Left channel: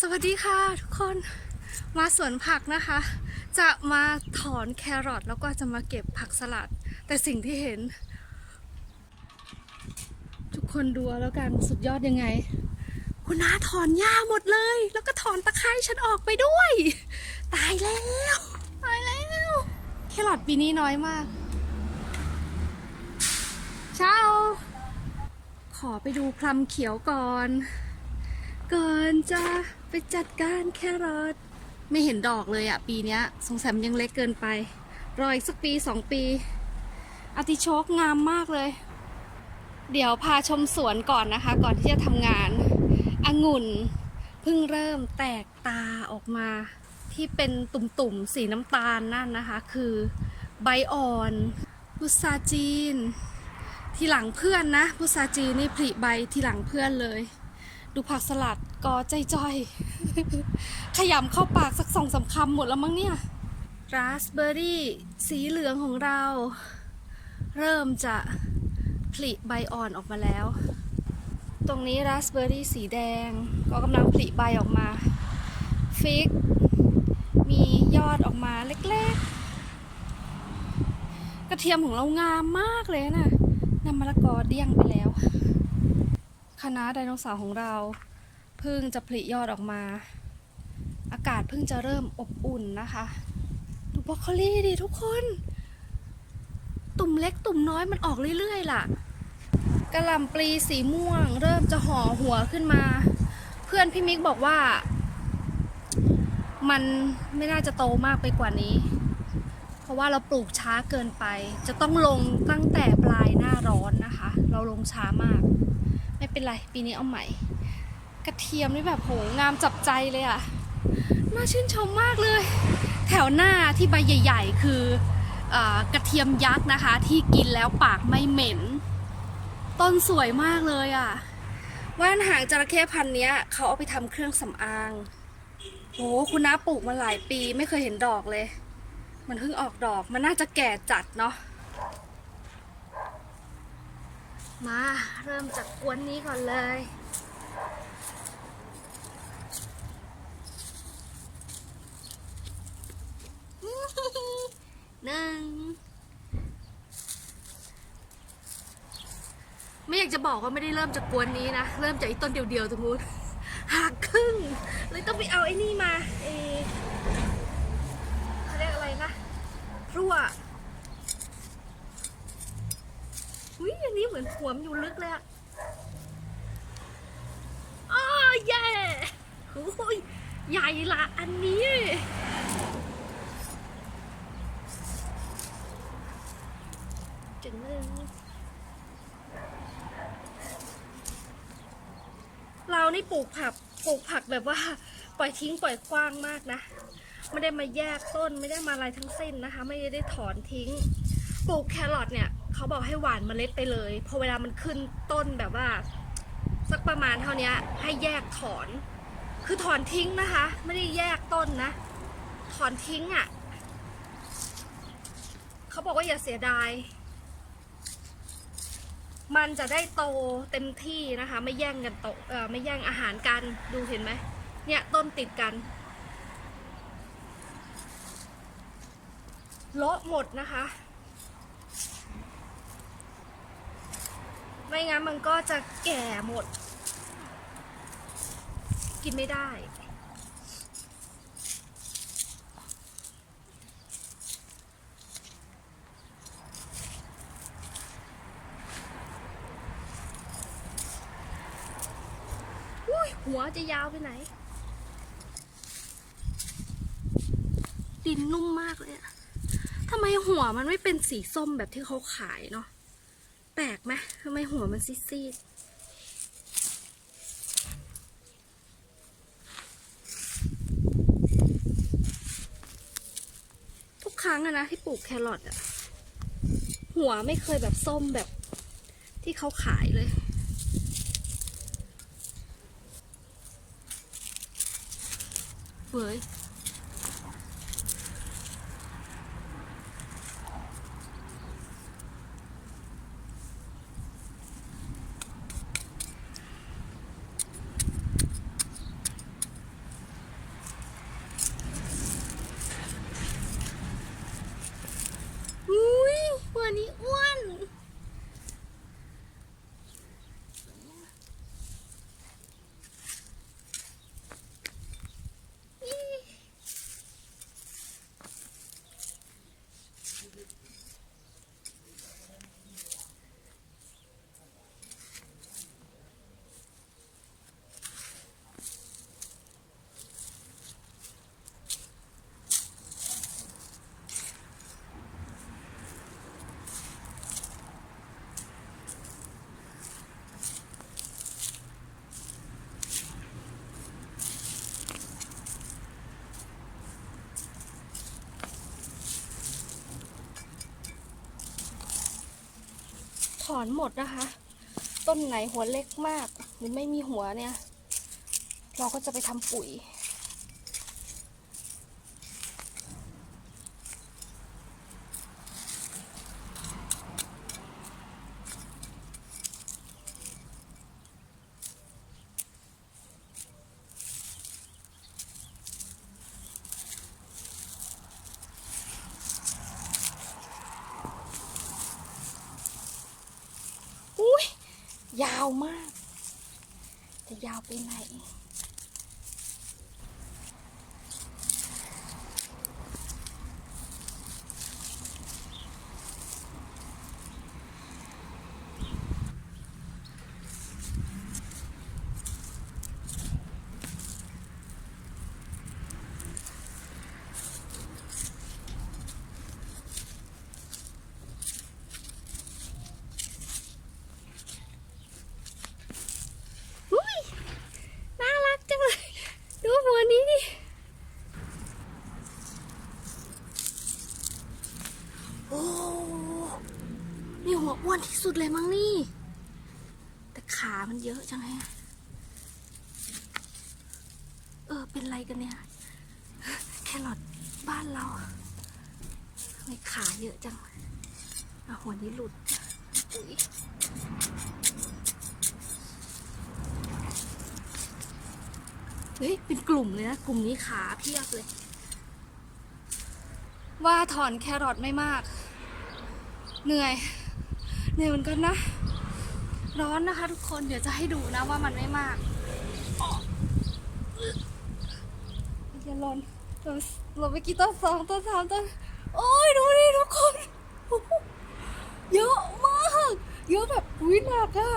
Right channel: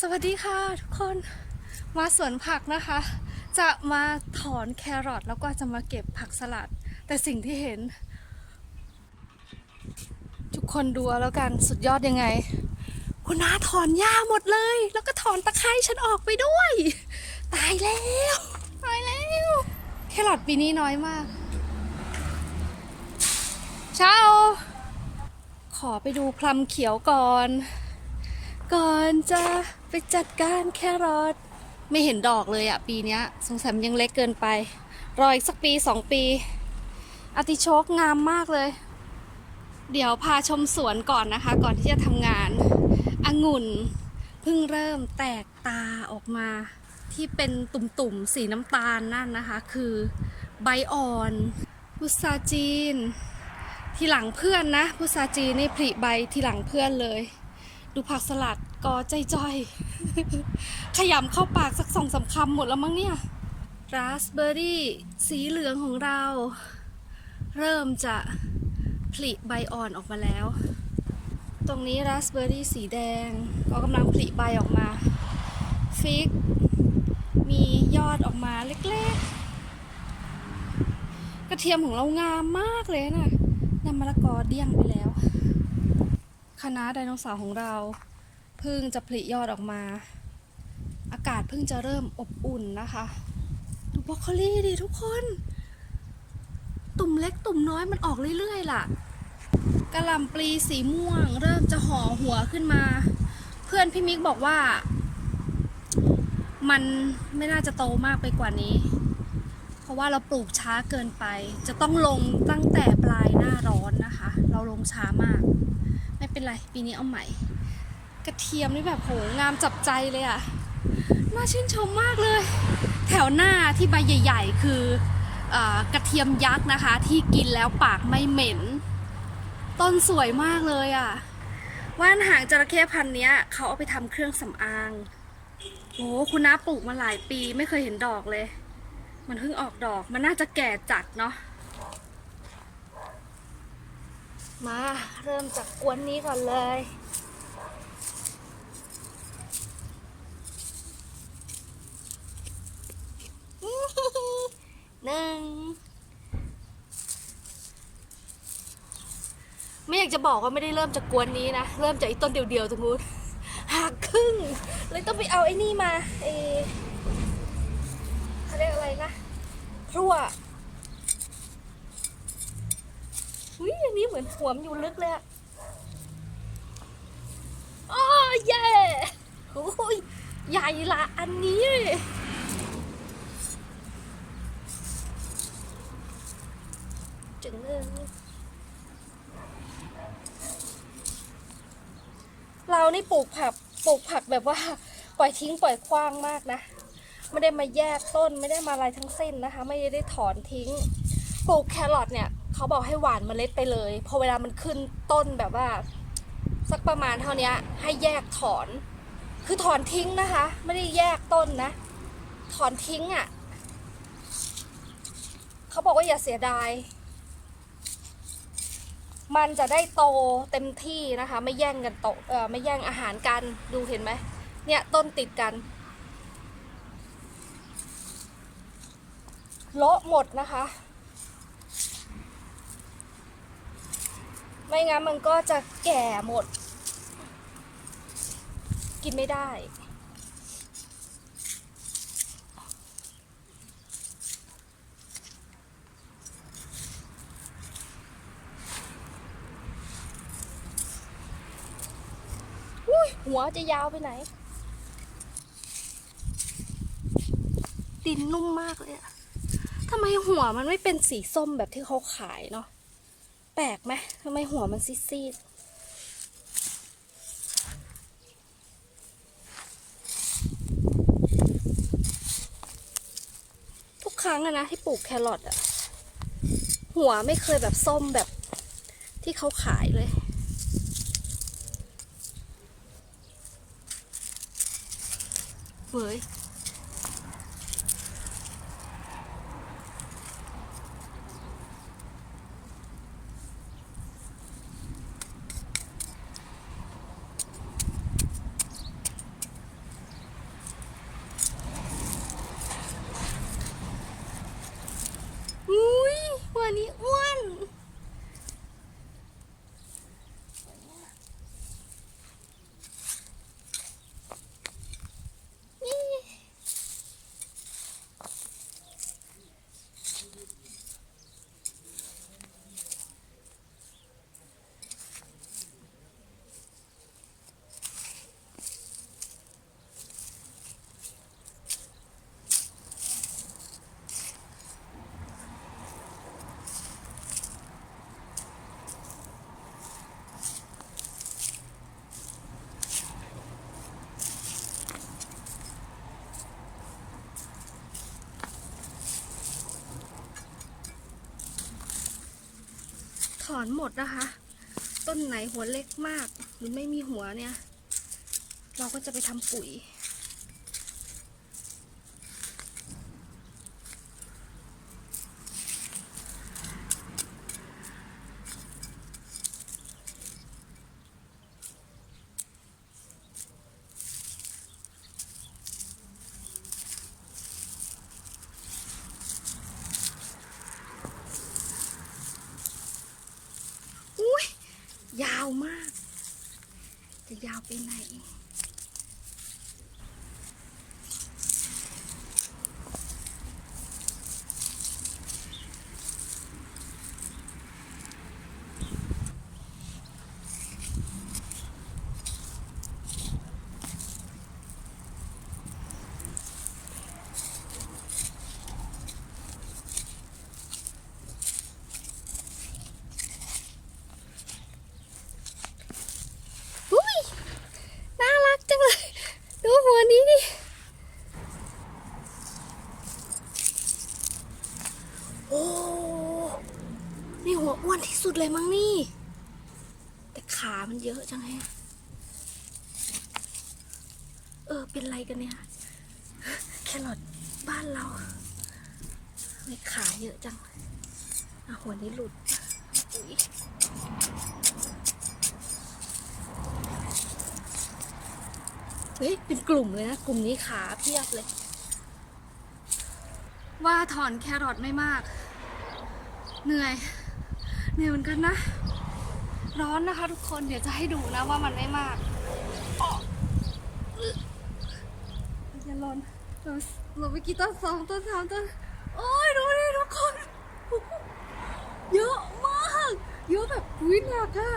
สวัสดีค่ะทุกคนมาสวนผักนะคะ จะมาถอนแครอทแล้วก็จะมาเก็บผักสลัด แต่สิ่งที่เห็น ทุกคนดูแล้วกันสุดยอดยังไง คุณน้าถอนหญ้าหมดเลย แล้วก็ถอนตะไคร้ฉันออกไปด้วย ตายแล้วตายแล้วแครอทปีนี้น้อยมากเช้าขอไปดูพลัมเขียวก่อน ก่อนจะไปจัดการแครอทไม่เห็นดอกเลยอะปีนี้สงสัยมันยังเล็กเกินไป รออีกสักปีสองปีอติโชกงามมากเลย เดี๋ยวพาชมสวนก่อนนะคะ ก่อนที่จะทำงานองุ่นเพิ่งเริ่มแตกตาออกมาที่เป็นตุ่มๆสีน้ำตาลนั่นนะคะ คือใบอ่อนพุทราจีน ทีหลังเพื่อนนะพุทราจีนนี่ผลิใบทีหลังเพื่อนเลย ดูผักสลัดก็ใจจอย ขยำเข้าปากสักสองสามคำหมดแล้วมั้งเนี่ย ราสเบอร์รี่ สีเหลืองของเรา เริ่มจะผลิใบอ่อนออกมาแล้ว ตรงนี้ราสเบอร์รี่สีแดง ก็กำลังผลิใบออกมา ฟิก มียอดออกมาเล็กๆ กระเทียมของเรางามมากเลยนะนำมะละกอเดี้ยงไปแล้ว คณะไดโนเสาร์ของเราเพิ่งจะผลิยอดออกมา อากาศเพิ่งจะเริ่มอบอุ่นนะคะ ดูบรอกโคลีดิทุกคน ตุ่มเล็กตุ่มน้อยมันออกเรื่อยๆล่ะกระหล่ำปลีสีม่วง เริ่มจะห่อหัวขึ้นมา เพื่อนพี่มิกบอกว่า มันไม่น่าจะโตมากไปกว่านี้ เพราะว่าเราปลูกช้าเกินไป จะต้องลงตั้งแต่ปลายหน้าร้อน เราลงช้ามาก ไม่เป็นไรปีนี้เอาใหม่ กระเทียมนี่แบบโหงามจับใจเลยอะน่าชื่นชมมากเลย แถวหน้าที่ใบใหญ่ ๆ คืออกระเทียมยักษ์นะคะ ที่กินแล้วปากไม่เหม็น ต้นสวยมากเลยอะว่านหางจระเข้พันธุ์นี้ยเขาเอาไปทำเครื่องสำอางโหคุณน้าปลูกมาหลายปีไม่เคยเห็นดอกเลย มันเพิ่งออกดอกมันน่าจะแก่จัดเนาะ มาเริ่มจากกวนนี้ก่อนเลย หนึ่ง ไม่อยากจะบอกว่าไม่ได้เริ่มจากกวนนี้นะ เริ่มจากไอ้ต้นเดียวๆตรงนู้นหักครึ่ง เลยต้องไปเอาไอ้นี่มาเออเขาเรียกอะไรนะพรั่ว อุ้ยอันนี้เหมือนหัวมอยู่ลึกเลยอะอ้อเย่โอ้ยใหญ่ละอันนี้จึงเลยเรานี่ปลูกผักปลูกผักแบบว่า ปล่อยทิ้งปล่อยคว้างมากนะ ไม่ได้มาแยกต้นไม่ได้มาอะไรทั้งสิ้นนะคะ ไม่ได้ถอนทิ้ง ปลูกแครอทเนี่ย เขาบอกให้หว่านเมล็ดไปเลย พอเวลามันขึ้นต้นแบบว่า สักประมาณเท่านี้ให้แยกถอน คือถอนทิ้งนะคะ ไม่ได้แยกต้นนะ ถอนทิ้งอะ่ะเขาบอกว่าอย่าเสียดาย มันจะได้โตเต็มที่นะคะ ไม่แย่งกันโตเออไม่แย่งอาหารกันดูเห็นไหมเนี่ยต้นติดกันเลาะหมดนะคะ ไม่งั้นมันก็จะแก่หมด กินไม่ได้ หัวจะยาวไปไหน ดินนุ่มมากเลยอะทำไมหัวมันไม่เป็นสีส้มแบบที่เขาขายเนาะ แปลกไหมทำไมหัวมันซีดๆทุกครั้งอะนะที่ปลูกแครอทอะหัวไม่เคยแบบส้มแบบที่เขาขายเลยเว้ย อนหมดนะคะ ต้นไหนหัวเล็กมาก หรือไม่มีหัวเนี่ย เราก็จะไปทำปุ๋ย อุ้ยยาว มาก จะยาวไปไหน อุ้ย น่ารักจังเลย ดูหัวนี้ดิ โอ้ นี่หัวอ้วนที่สุ ดเลยมั้งนี่ แต่ขามันเยอะจังไงอะเออ เป็นไรกันเนี่ย แครอทบ้านเราทำไม่ขาเยอะจังอะหัวนี้หลุดอุ๊ยเฮ้ย เป็นกลุ่มเลยนะ กลุ่มนี้ขาเพียบเลย ว่าถอนแครอทไม่มาก เหนื่อย เหนื่อยเหมือนกันนะ ร้อนนะคะทุกคนเดี๋ยวจะให้ดูนะว่ามันไม่มากอย่าหล่นเราเราไปกี่ต้นสองต้นสามต้นโอ้ยดูดิทุกคน เยอะมาก เยอะแบบวิหนักอะ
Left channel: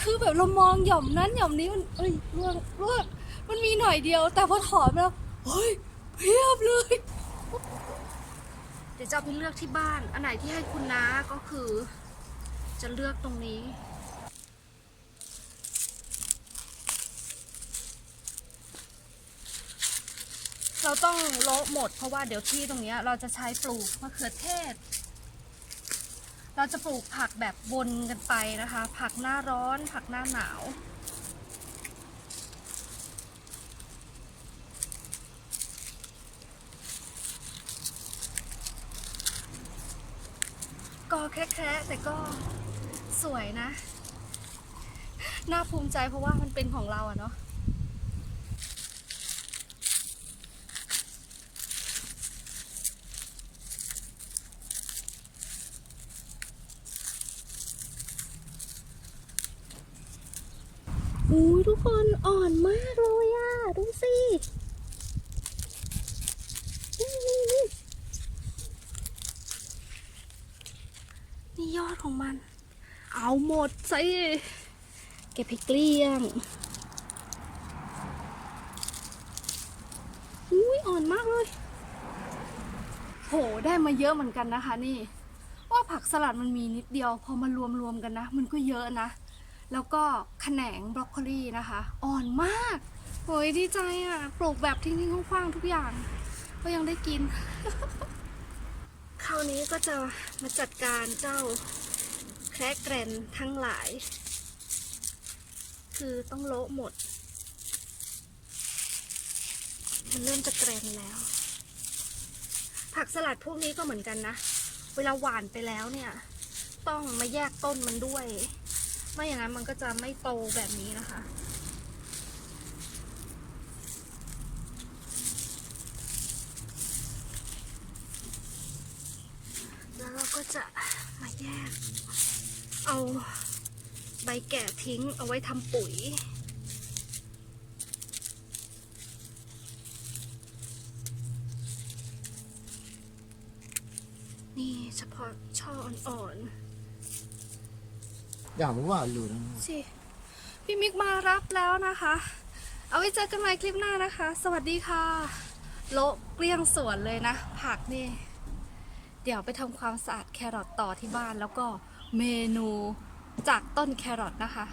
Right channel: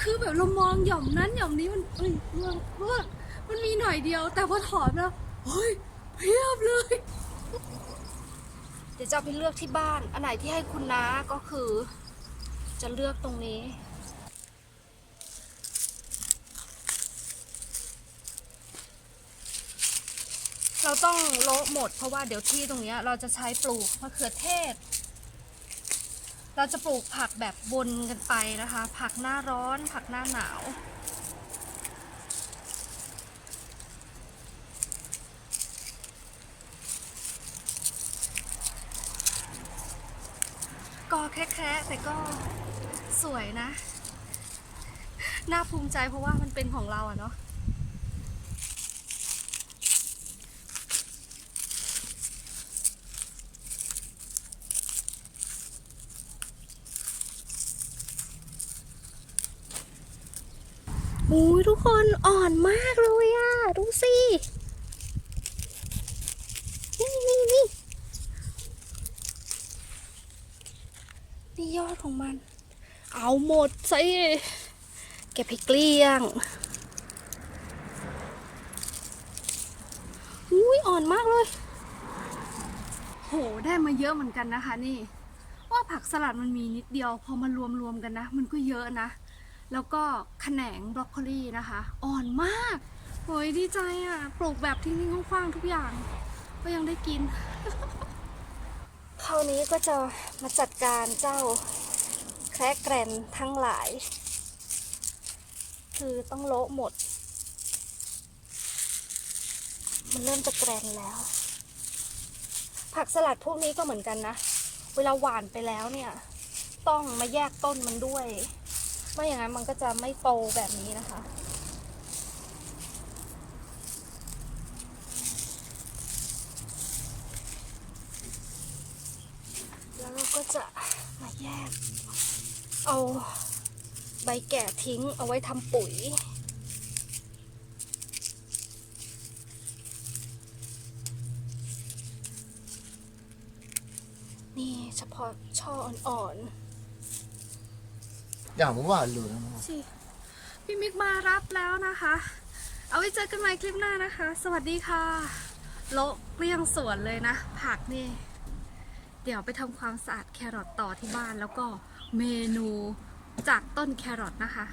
คือแบบเรามองหย่อมนั้นหย่อมนี้มันเอ้ยร่วงร่วงมันมีหน่อยเดียว แต่พอถอนแล้วเฮ้ยเพียบเลย เดี๋ยวจะไปเลือกที่บ้าน อันไหนที่ให้คุณน้าก็คือ จะเลือกตรงนี้ เราต้องโละหมดเพราะว่าเดี๋ยวที่ตรงนี้เราจะใช้ปลูกมะเขือเทศ เราจะปลูกผักแบบวนกันไปนะคะ ผักหน้าร้อน ผักหน้าหนาวก็แค่ๆแต่ก็ สวยนะ น่าภูมิใจเพราะว่ามันเป็นของเราอะเนาะหูยทุกคนอ่อนมากเลยอะดูสินี่นี่นี่นี่ยอดของมัน เอาหมดสิเก็บให้เกลี้ยงอุ้ยอ่อนมากเลย โหได้มาเยอะเหมือนกันนะคะนี่ ว่าผักสลัดมันมีนิดเดียว พอมารวมรวมๆกันนะ มันก็เยอะนะ แล้วก็แขนงบรอกโคลีนะคะ อ่อนมากโอ้ยดีใจอะ ปลูกแบบทิ้งๆคว้างๆทุกอย่าง ก็ยังได้กิน คราวนี้ก็จะมาจัดการเจ้า แคระแกรนทั้งหลาย คือต้องโละหมด มันเริ่มจะแกรนแล้ว ผักสลัดพวกนี้ก็เหมือนกันนะ เวลาหวานไปแล้วเนี่ย ต้องมาแยกต้นมันด้วย ไม่อย่างนั้นมันก็จะไม่โตแบบนี้นะคะแล้วเราก็จะมาแยก เอาใบแก่ทิ้งเอาไว้ทำปุ๋ย นี่เฉพาะช่ออ่อนๆ อย่างว่าเหลืองสิพี่มิกมารับแล้วนะคะ เอาไว้เจอกันใหม่คลิปหน้านะคะ สวัสดีค่ะ โละเกลี้ยงสวนเลยนะ ผักนี่ เดี๋ยวไปทำความสะอาดแครอทต่อที่บ้านแล้วก็ เมนูจากต้นแครอทนะคะ